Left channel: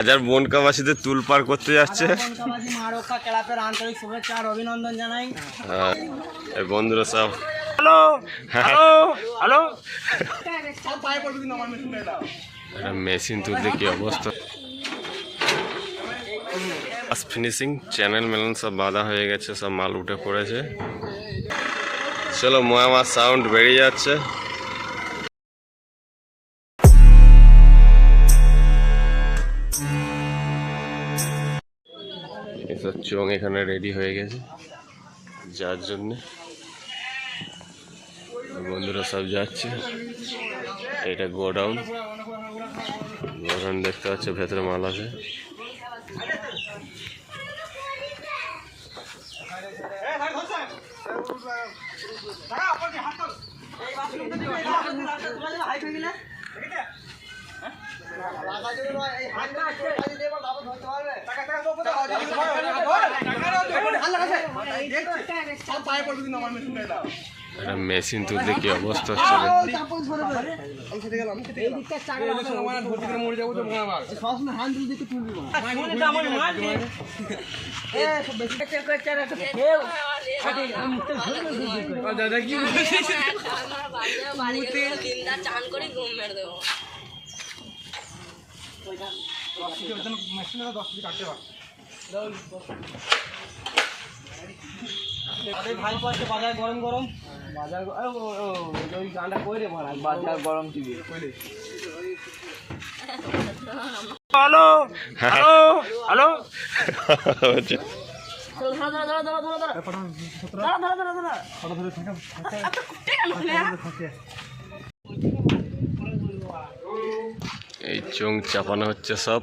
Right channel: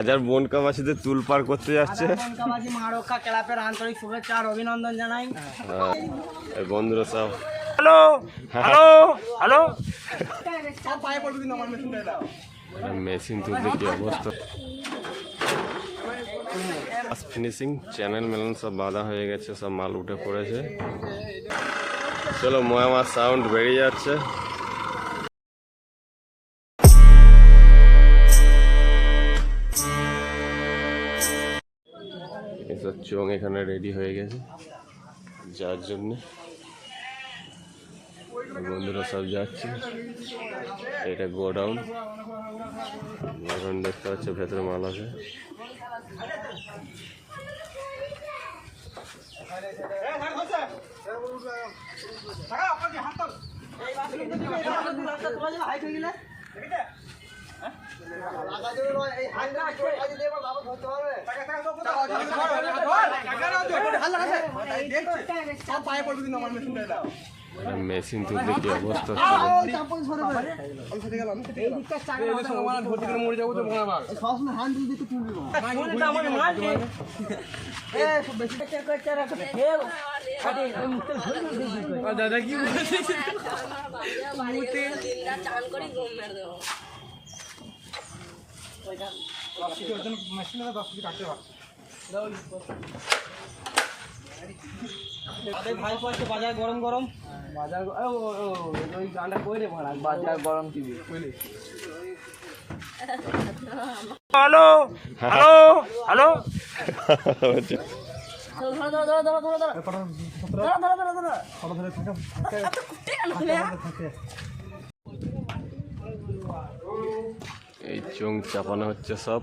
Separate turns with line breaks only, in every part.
হাজার বনকাবাসীদের তুল পার করতে যাচ্ছে।
কনকাবাজি মা রক্ষা ক্লাবের আন্তরিক শুভেচ্ছা আর অভিনন্দন জানাই।
বন্ধুরা সব।
Hello hello hello.
মেশিন তুলতে কি অবস্থা? ফিনিশিং চ্যানেল মেলন সব বাঁধা হয়ে গেছে সব মাল উঠে পড়েছে। চলো ময়ামার সাউন্ড বেরিয়ে যাচ্ছে। এসব চোং এখানে রেডি হয়ে গেছে যার জন্যে। বন্ধুরা সব যাচ্ছে। এটা গোডাউন। গোডাউন দেখতে পাচ্ছ, ভেতরে মাল আছে। মেশিন তো দেখি অবস্থা
দাদা বাজার গরম গরম। বাজার বাজার গরম হ্যালো হ্যালো হ্যালো।
এই চোং চাপানো হচ্ছে সব।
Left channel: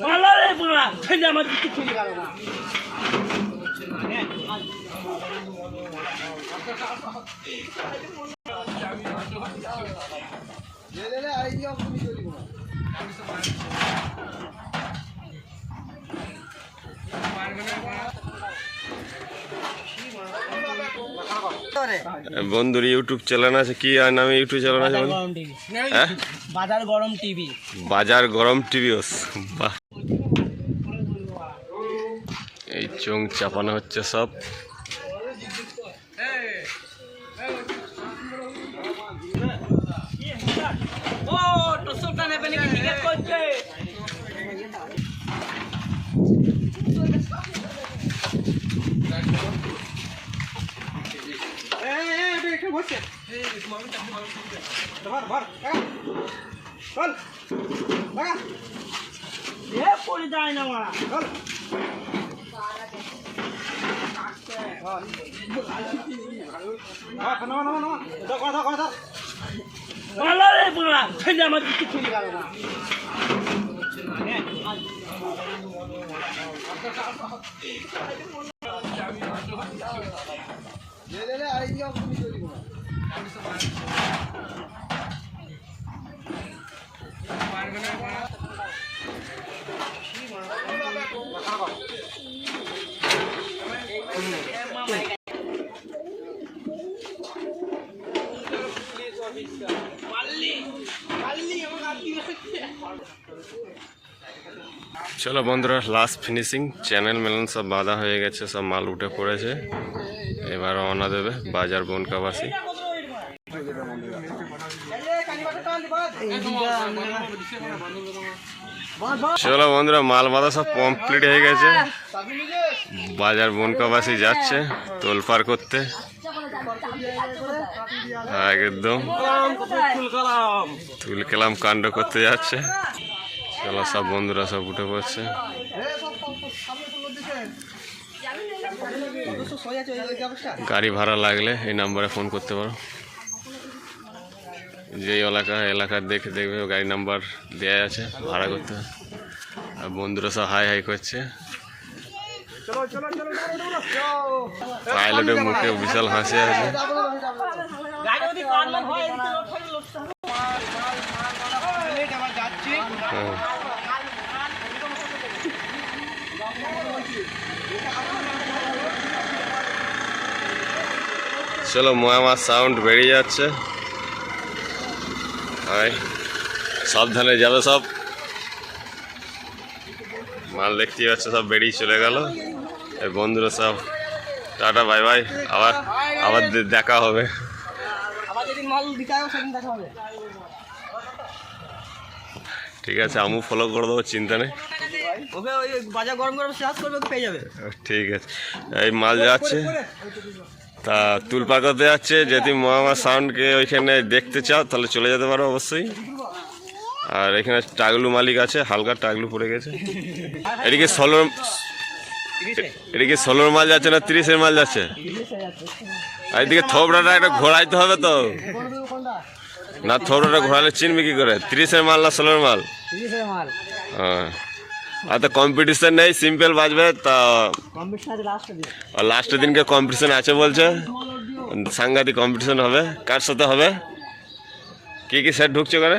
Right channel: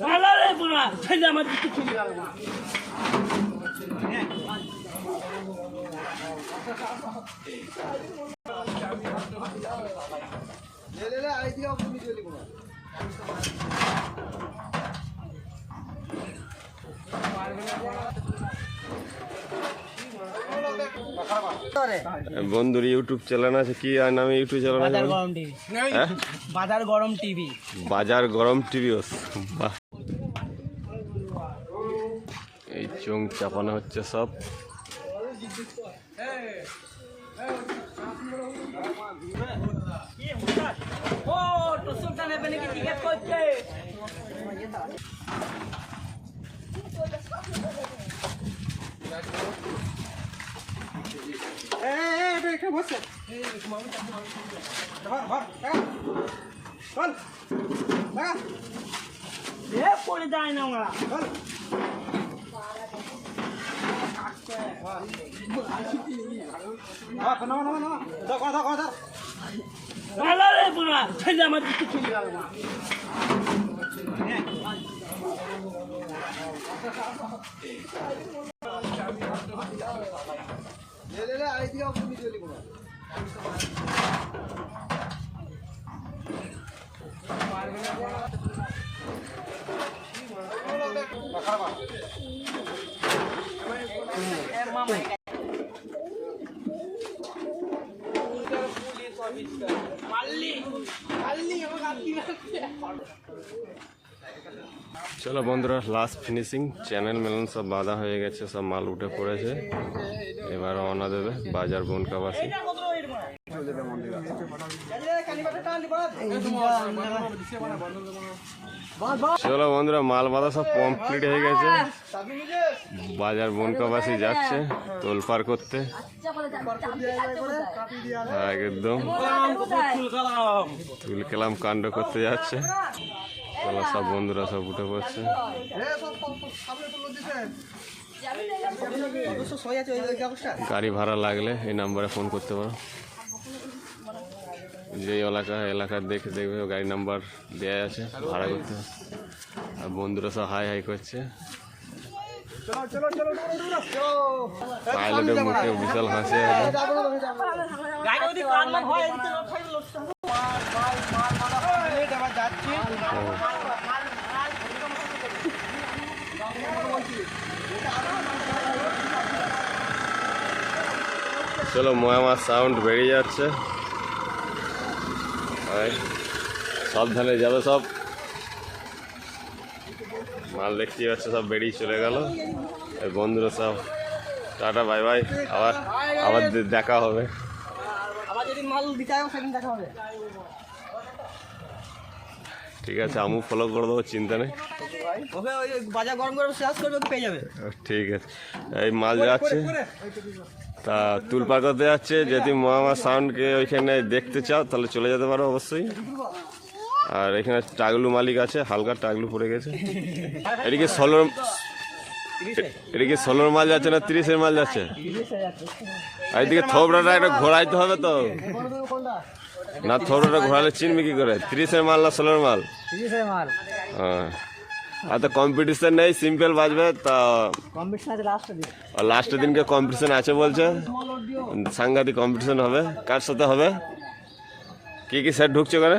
পালা রে পালা ফেলে আমার কিছু খুঁজে গেল না আইডিয়া তুমি চলি কোনা
বন্ধুর ইউটিউব চ্যানেল আছে কি আর নামে ইউটিউব চ্যানেল আছে
বাজার গরম টিভি।
হ্যাঁ?
বাজার গরম টিভি।
বাজার গরম বাহ। এই চোং চাপানো হচ্ছে সব।
করছে? পড়ে যায় না মারা আমার কিছু চলে গেল না Thank you.
চলো বন্ধুরা লাস্ট ফিনিশিং চ্যানেল মেলন সব বাঁধা হয়ে গেছে, সব মাল উঠে পড়েছে। এবার রওনা দেবে বাজার বনকাবাসী। চলো বন্ধুরা, মাল বাঁধা সব কমপ্লিট হয়ে গেছে। বাজার বনকাবাসী যাচ্ছে তোলপার করতে। একদম। তুল কেলাম কাণ্ড করতে যাচ্ছে। সব বন্ধুরা সব উঠে পড়ছে। গাড়ি ভাড়া লাগলে এই নাম্বারে ফোন করতে পারো। যে এলাকা এলাকার দেখে দেখবে গাড়ি নাম্বার দেওয়া আছে, ভাড়া করতে আর বন্ধুরা সব হাই হাই করছে। পাইলটের মুখে বিশাল হাসি আছে। চলো ময়ামার সাউন্ড বেরিয়ে যাচ্ছে। সাবধানে যাবে সব। মাল দেখতে পাচ্ছে সব বেরিয়ে চলে গেল। এই বন্ধুরা সব টাটা বাই বাই আবার আবার দেখা হবে। ঠিক আছে আমু ফলো করে দেবো চিন্তা নেই। ঠিক আছে এই মাল যাচ্ছে তা তুলপা করতে যাচ্ছে যদি মহামা সাউন্ডকে ওইখানে দেখতে চাও তাহলে চলে যেতে পারো অবশ্যই। আর এখানে টাগলু মালিক আছে হালকা টাগলু পড়ে গেছে। এদিকে ষোলোর এদিকে ষোলোর মাল যাচ্ছে না তিরিশের মাল যাচ্ছে? আর এদিকে থোবড়াটা একটা ঘোরাইতে হবে তো। না থরোটা ঘোরালে চিনবে কি করে? তিরিশের মাল না ষোলোর মাল?
তিরিশের মাল।
হ্যাঁ। আর তো কম্পিটিশন নেই সিম্পল বাজবে তা
কম্পিটিশন আছে লাস্টে
লাস্টের দিনকে কম্পিটিশন আছে বলছে। সাংঘাতিক কম্পিটিশন হবে। কার সাথে হবে? কি কি স্যার ঢুকছে করে